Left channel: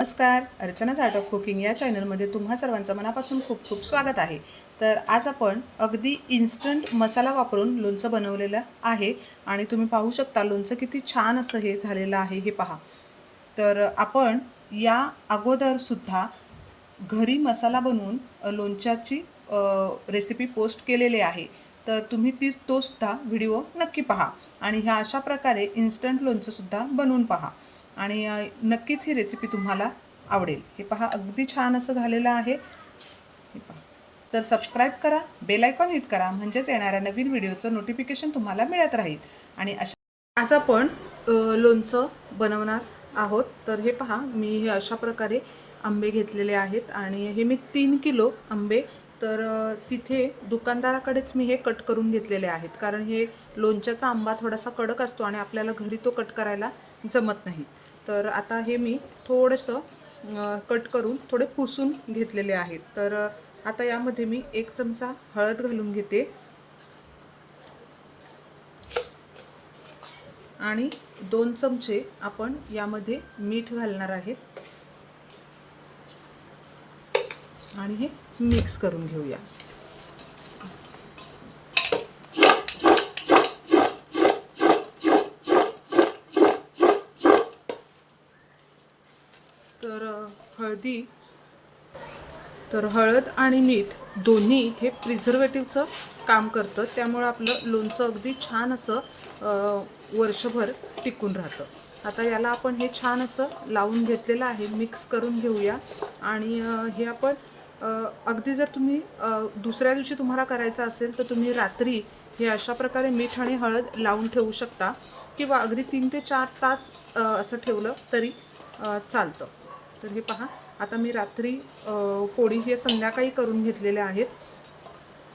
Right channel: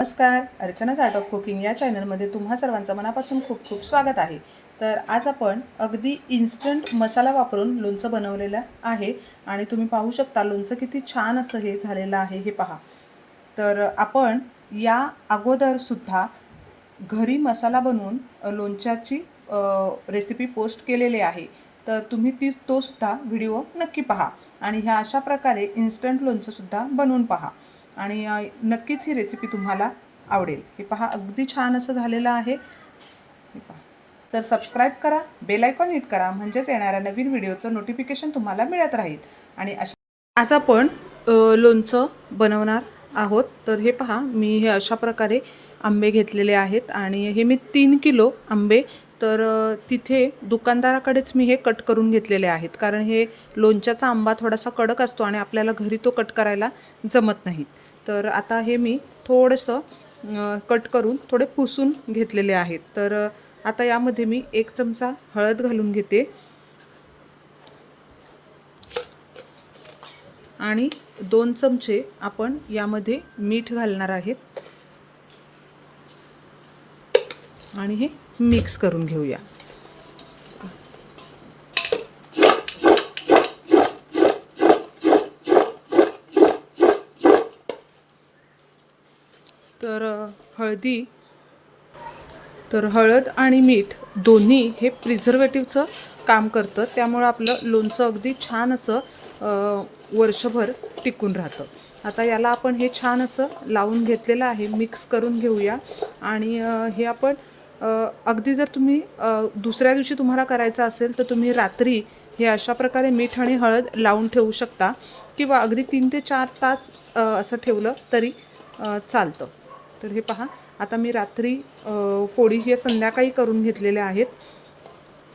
नमस्कार. अर्चनाच art of cooking या चॅनलमध्ये तुम्हा सर्वांचं मनापासून खूप खूप स्वागत आहे. तर आज आपण अगदी इन्स्टंट मसाला वापरून लोणचं बनवलेलं आहे आणि तुम्ही पाहू शकता लोणचं किती छान असं हे झालेलं आहे हे पहा. तर आपण या अगोदरसुद्धा घरी मसाला बनवून लोणच्याची रेसिपी पोस्ट केलेली आहे. तर तुम्ही ती तोसुद्धा व्हिडिओ नक्की पहा आणि ह्या अशा प्रकारे इन्स्टंट लोणचंसुद्धा बनवून पहा. आणि नक्कीच ही रेसिपी तुम्हाला आवडेल. हे पहा अगदी छान असं झालेलं आहे. तर सबस्क्राईब करा बेल आयकॉन हिट करा म्हणजेच येणाऱ्या नवीन व्हिडिओचं नोटिफिकेशन तुम्हाला मिळत राहील. आणि अशा आज आपण लोणचं बनवणार आहोत. तर हे पहा मी हे अशा प्रकारे आंबे घेतलेले आहेत. आणि हे मी तीन किलो आंबे. तर तिथे दुकानदाराकडेच मी हे कट करून घेतलेले आहेत. कारण हे लोणच्याचा आंबा थोडासा कडक असतो आणि आपल्याला घरी तो कट करायला जमत नाही. तर आता हे मी थोडंसं कट करून थोडे पुसून घेतलेले आहेत. तर आता यामध्ये मी एक चमचा हळद घालून घेते. आणि दोन चमचे आपण यामध्ये मीठ घालणार आहेत. आणि हे मिक्स करून घेऊया. तर हळदी तर हळद आणि मीठ दोन्ही हे प्रिझर्वेटिव्हचं काम करतं. त्यामुळं आपलं लोणचं अगदी छान असं वर्षभर टिकून राहतं. आता याला आपण हे छान असं लावून घेतलेलं आहे. मिक्स करून घेऊया. आणि हे आपण अगदी जर तुम्ही दुसऱ्या दिवशी तुम्हाला करायचं असेल तर तुम्ही रात्री हे अशा प्रकारे मीठ आणि हळद लावून ठेवू शकता. किंवा अगदी तीन ते चार तास असं ठेवलं तरी चालतं. तर हे पहा. आता मी रात्री पोळी हे संध्याकाळी करून घेतलेल्या आहेत.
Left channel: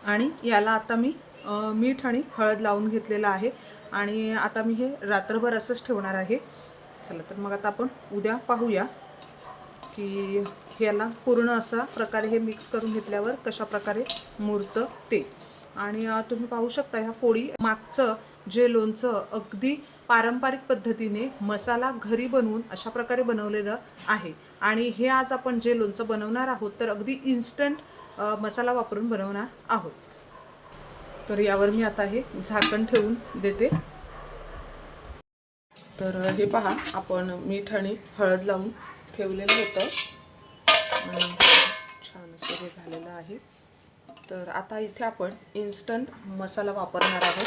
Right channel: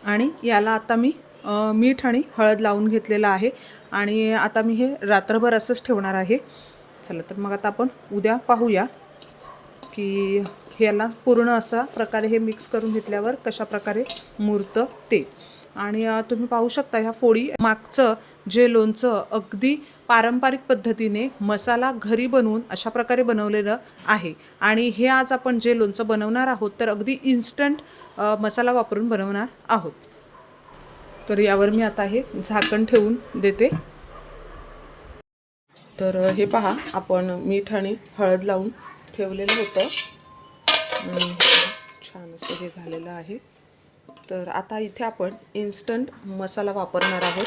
आणि याला आता मी मीठ आणि हळद लावून घेतलेलं आहे. आणि आता मी हे रात्रभर असंच ठेवणार आहे. चला तर मग आता आपण उद्या पाहूया की ह्याला पूर्ण असा प्रकारे हे मिक्स करून घेतल्यावर कशा प्रकारे मुरतं ते. आणि तुम्ही पाहू शकता ह्या फोडी मागचं जे लोणचं अगदी पारंपरिक पद्धतीने मसाला घरी बनवून अशा प्रकारे बनवलेलं आहे. आणि हे आज आपण जे लोणचं बनवणार आहोत तर अगदी इन्स्टंट मसाला वापरून बनवणार आहोत. तर यावर मी आता हे झाकण ठेवून देते. तर हे पहा आपण मीठ आणि हळद लावून ठेवलेलं होतं. छान असं हे झालेलं आहे. तर आता इथे आपण इन्स्टंट मसाला वापरणार आहोत.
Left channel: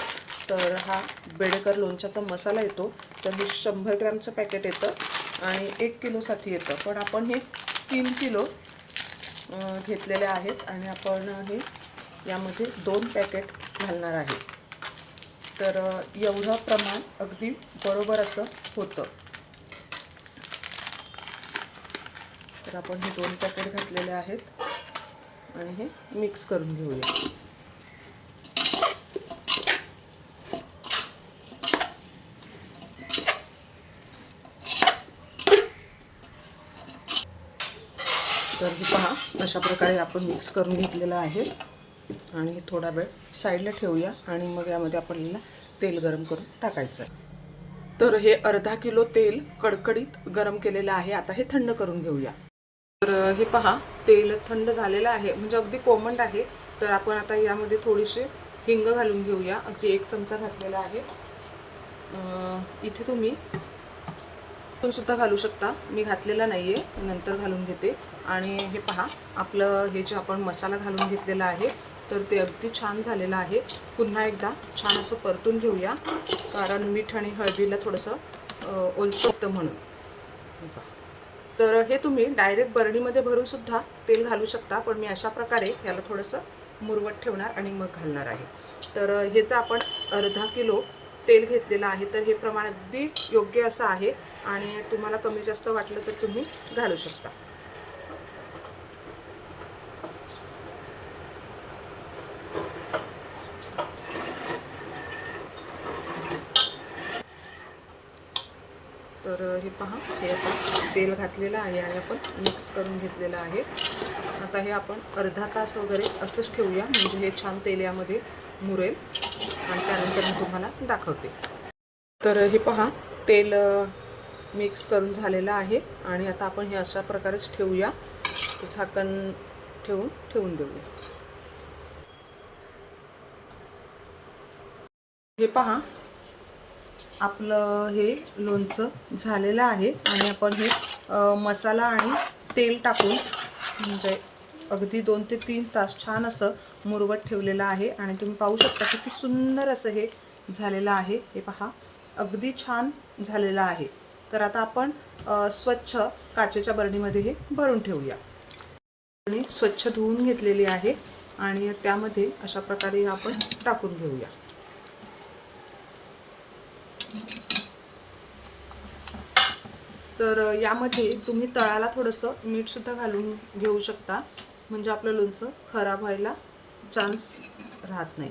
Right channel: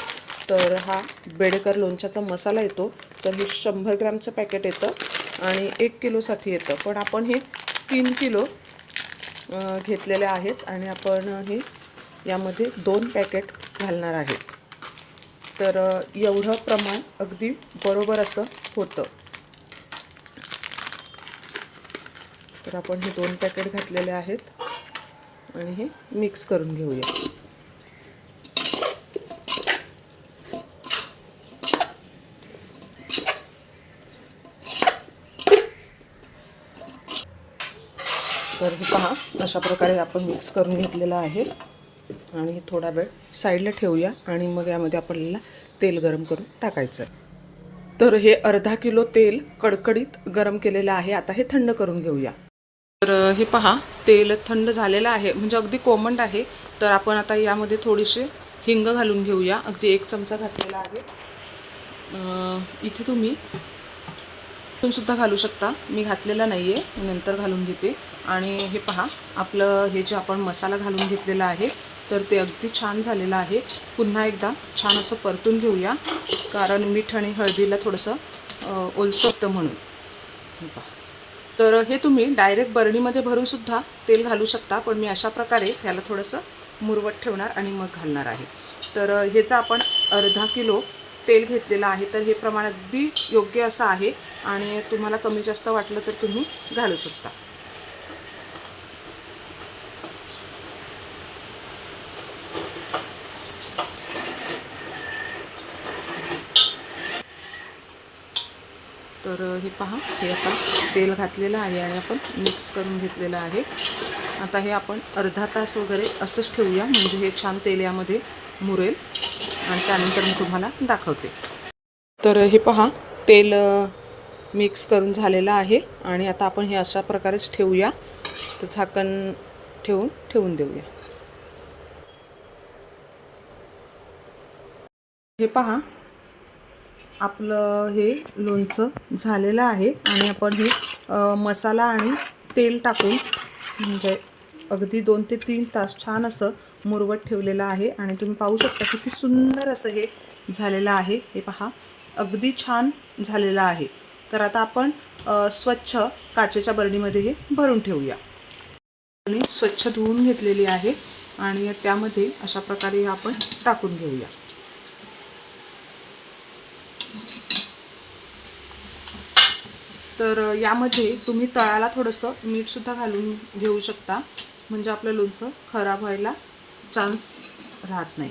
तर हा बेडेकर लोणच्याचा मसाला येतो. तर हे शंभर ग्रॅमचं पॅकेट येतं आणि एक किलोसाठी येतं. पण आपण हे तीन किलो घेतलेले आहेत आणि आपण हे यामध्ये दोन पॅकेट घालणार आहे. तर एवढं प्रमाण अगदी बरोबर असं होतं. तर आपण हे दोन पॅकेट घातलेले आहेत आणि हे मिक्स करून घेऊया. तर हे पहा अशा प्रकारे आपण मिक्स करून घेतलेलं आहे. आणि थोडा वेळ साईडला ठेवूया आणि मग यामध्ये आपल्याला तेल गरम करून टाकायचं आहे. तर हे अर्धा किलो तेल कडकडीत गरम केलेलं आहे. आता हे थंड करून घेऊया. तर हे पहा तेल थंड झालेलं आहे. म्हणजे अगदी कोमंड आहे. तर आपण आता यामध्ये थोडीशी हिंग घालून घेऊया. अगदी एक चमचा घातलेला आहे. इथे तुम्ही सुद्धा घालू शकता. मी घातलेला नाही आहे नंतर घालून घेते. आणि हे पहा आपलं हे जे आपण मसाला घालून घेतलेला आहे तर ते अगदी छान झालेलं आहे. पुन्हा एकदा छान असं परतून घेऊया. कारण मीठ आणि हळदीला थोडंसं अं, म्हणून. तर हे तुम्ही डायरेक्ट बरणीमध्ये भरूनसुद्धा तेल घालू शकता पण मी अशा प्रकारे ह्याला थोडंसं मुरवट ठेवणार आणि मग घालणार आहे. तर ह्याचा ह्याचं आपण अर्धा किलो तेल घेतलेलं आहे तर हे प्रमाण अगदी योग्य असं आहे आणि तुम्हाला कमी जास्त वाटलं तर तुम्ही घालू शकता. तर हे पहा हे आता तेल घातलेलं आहे आणि आपण मिक्स करून घेतलेलं आहे. आता हे आपण अर्धा तास वगैरे असंच ठेवूया म्हणजे हे छान तेल यामध्ये मुरेल. आणि त्यानंतर मी तुम्हाला दाखवते. तर हे पहा तेल मिक्स करून झालेलं आहे आणि आता आपण हे अशा प्रकारेच ठेवूया. तर झाकण ठेवून ठेवून देऊया. हे पहा आपलं हे लोणचं झालेलं आहे आणि आपण हे मसाला आणि तेल टाकून म्हणजे अगदी दोन ते तीन तास छान असं मुरवत ठेवलेलं आहे आणि तुम्ही पाहू शकता किती सुंदर असं हे झालेलं आहे. हे पहा अगदी छान झालेलं आहे. तर आता आपण स्वच्छ काचेच्या बरणीमध्ये हे भरून ठेवूया. आणि स्वच्छ धुवून घेतलेली आहे आणि त्यामध्ये अशा प्रकारे आपण टाकून घेऊया. तर यामध्ये तुम्ही तळाला थोडंसं मीठसुद्धा घालून घेऊ शकता. म्हणजे आपलं लोणचं खराब व्हायला चान्स राहत नाही.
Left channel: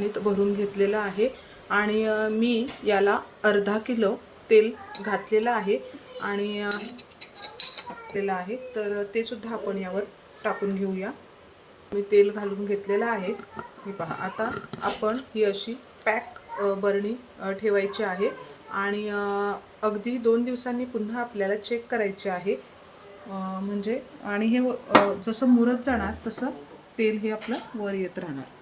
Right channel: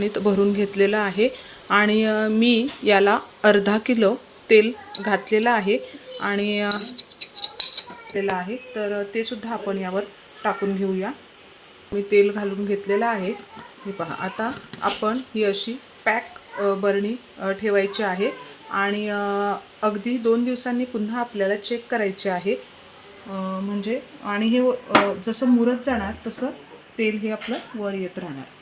नीट भरून घेतलेलं आहे आणि मी याला अर्धा किलो तेल घातलेलं आहे आणि घातलेलं आहे. तर ते सुद्धा आपण यावर टाकून घेऊया. मी तेल घालून घेतलेलं आहे. हे पहा आता आपण ही अशी पॅक बरणी ठेवायची आहे आणि अगदी दोन दिवसांनी पुन्हा आपल्याला चेक करायचे आहे. म्हणजे आणि हे जसं मुरत जाणार तसं तेल हे आपलं वर येत राहणार.